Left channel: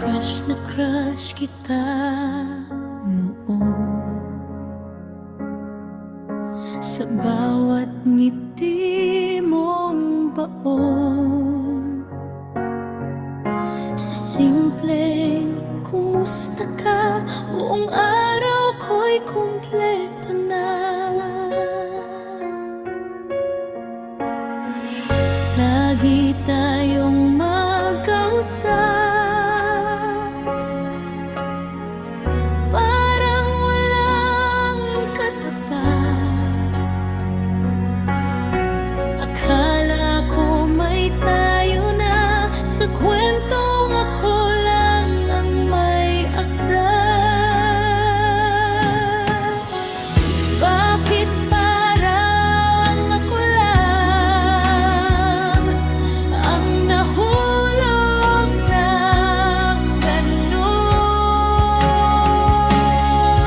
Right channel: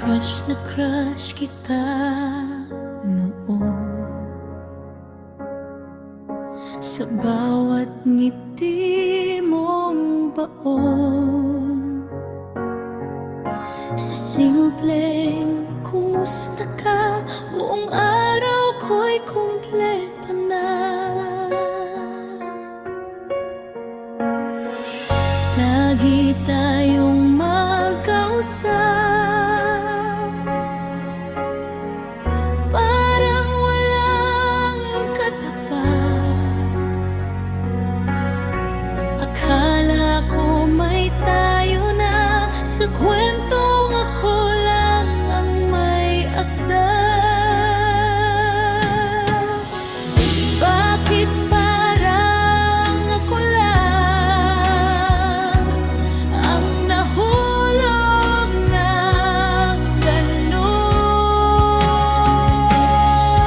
crush kita noon. Sa bawat ngiti mong baon, sa simpleng kumusta ka, buong araw ko'y kumpleto na. Lagi tayong magkausap, parang walang katapat. Akala ko may tayo na, sa kwentong ako lang ang may akda. Bakit parang ako lang ang nahulog ng ganon?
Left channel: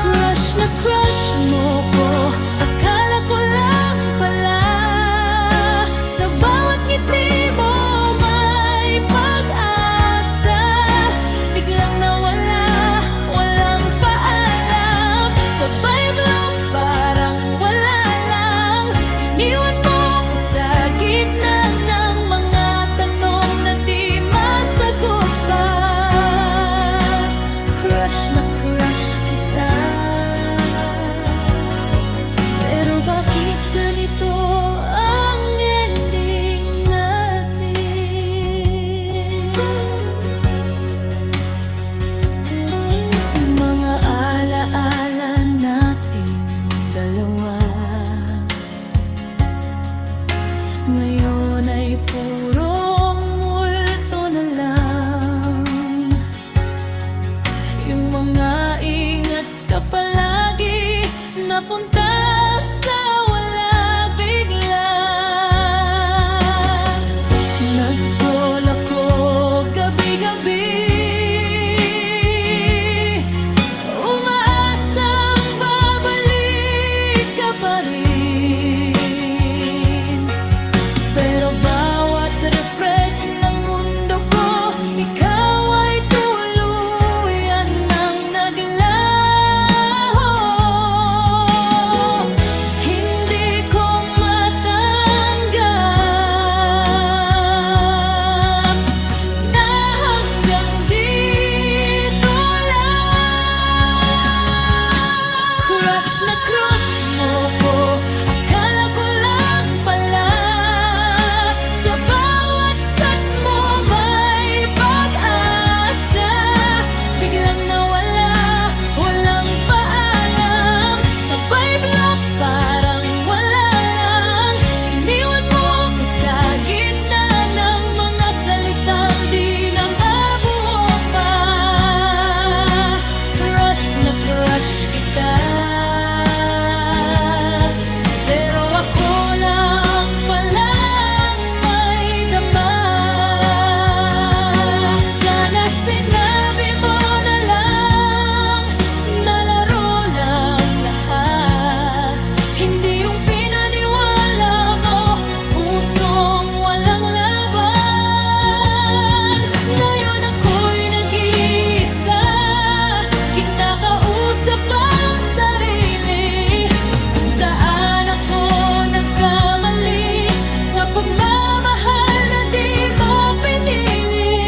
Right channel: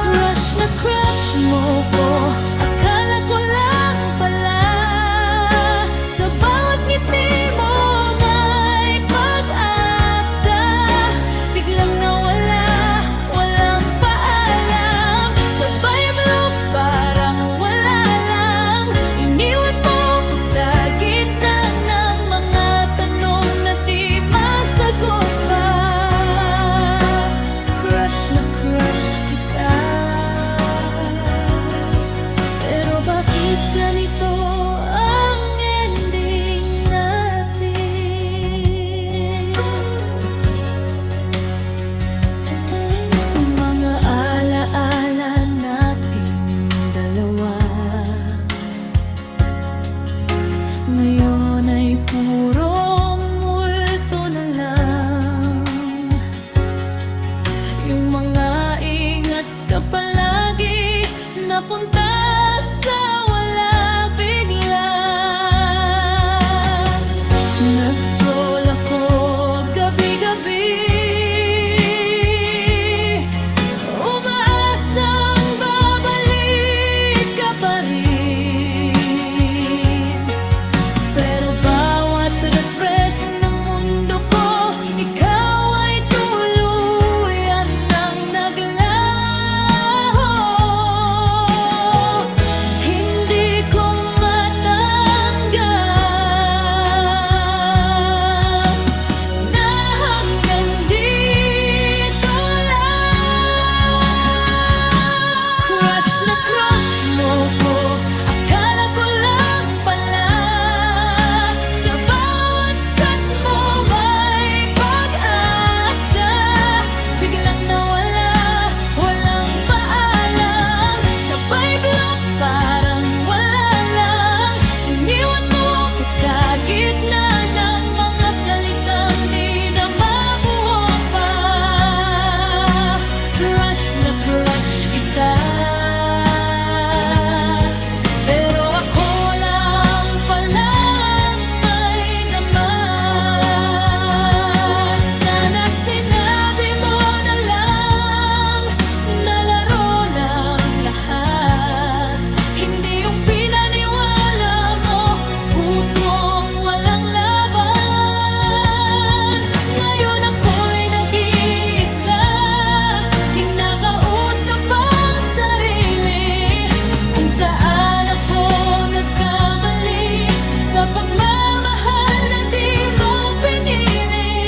Crush na crush mo ko, akala ko lang pala. Sa bawat ngiti mo may pag-asa, biglang nawala, walang paalam. Sabay block, parang wala lang. Iniwan mo ko sa gitna ng mga tanong na di masagot pa. Crush na crush kita, pero bakit ganito ang ending natin? Mga alaala natin dalawa ngayon ay puro multo na lang. Yung mga ingat ka palagi, napunta sa wala bigla. Nag-scroll ako gabi-gabi, umaasang babalik ka pa rin. Pero bawat refresh ng mundo ko, ikaw ay tuluyan ng naglaho. Hindi ko matanggap na hanggang dito lang. Crush na crush mo ko, akala ko lang pala. Sa bawat chat mo may pag-asa, biglang nawala, walang paalam. Sabay block, parang wala lang. Iniwan mo ko sa gitna ng mga salitang di na mabuo pa. Crush na crush kita, pero ako lang palang may dama. Sana sinabi mo na lang, nalaro lang lahat. Hindi yung pinaniwala mo, pusong walang laban. Ngayon ako'y nag-iisa, kinakausap ang sarili, kung saan ako nagkamali sa pagmamahal na di mo pinili.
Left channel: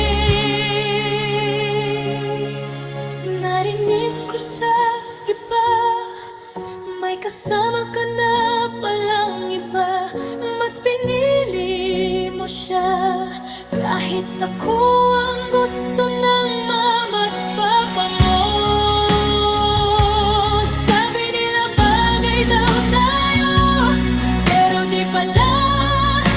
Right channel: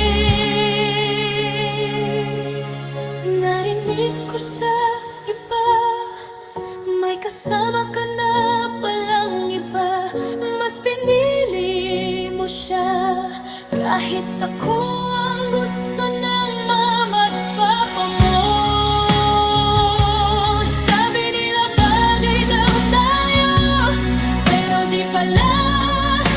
Narinig ko sa iba, may kasama ka na palang iba. Mas pinili mo siya, kahit ako ang gusto ng mama at papa mo. Sabi nila bagay daw tayo, pero di pala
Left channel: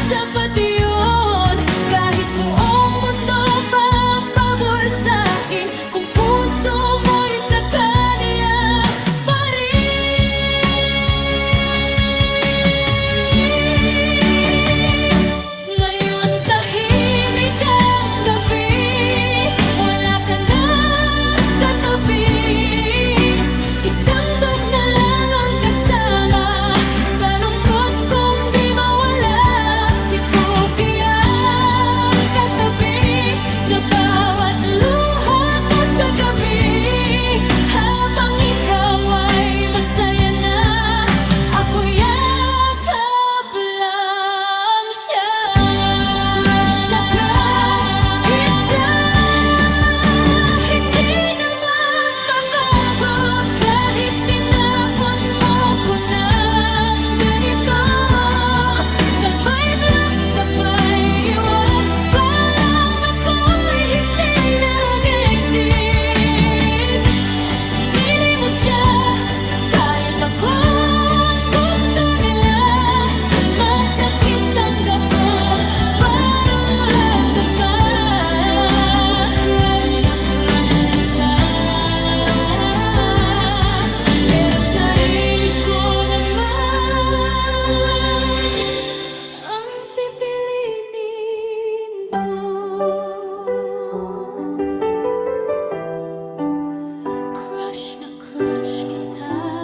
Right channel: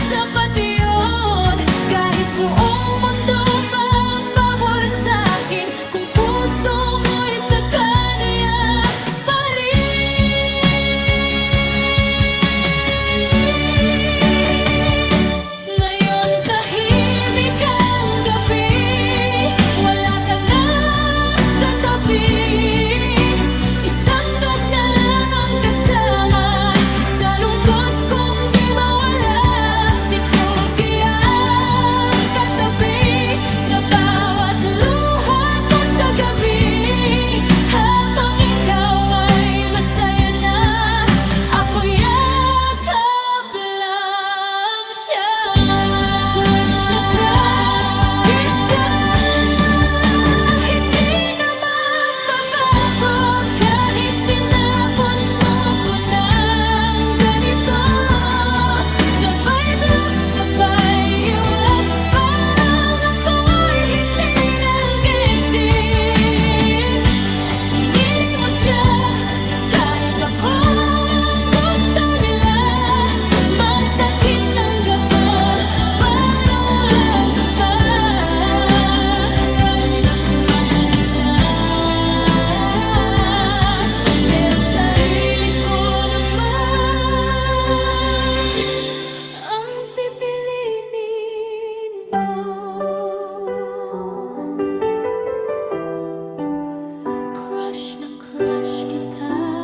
sapat yun. Kahit buong mundo pa ang pabor sa'kin, kung puso mo'y sa kanya pa rin. Ngayon tahimik ang gabi, wala ka na sa tabi. Isang dog na lang ang kasama, sa lungkot kong di mawala. Si Cookie ang katabi, sa bawat luha crush na crush kita.